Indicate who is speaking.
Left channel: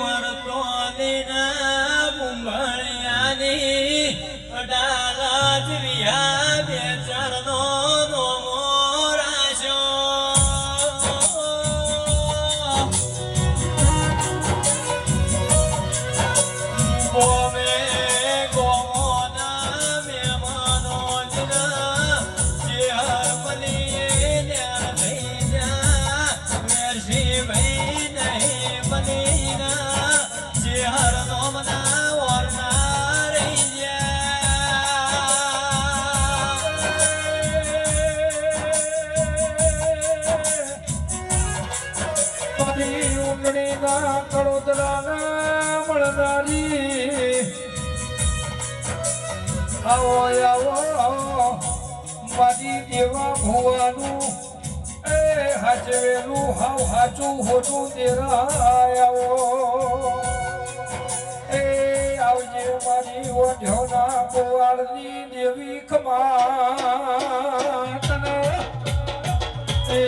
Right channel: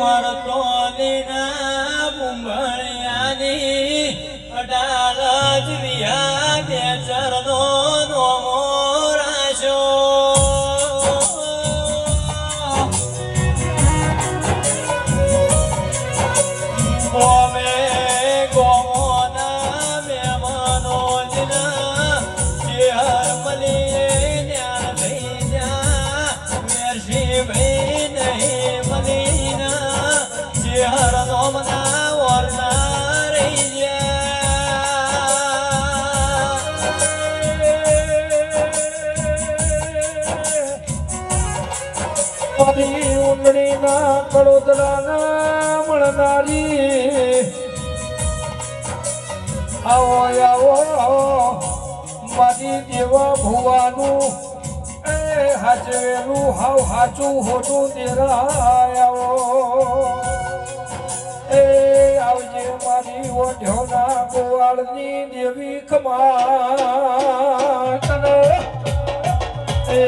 Speaker 1: મરતો વિના બુંભણ્યાની અડાલજ વિહાર મારી ઉંડણીના કડોદરાના મળનારી આવો આવો મારી દેવા ભુવાનું. એ હાચવેલું હાવ હાચું હોતું તેરા આવો. આવજે મારી ઓઢોના ગોવાળની દેવી ખમા તને. એ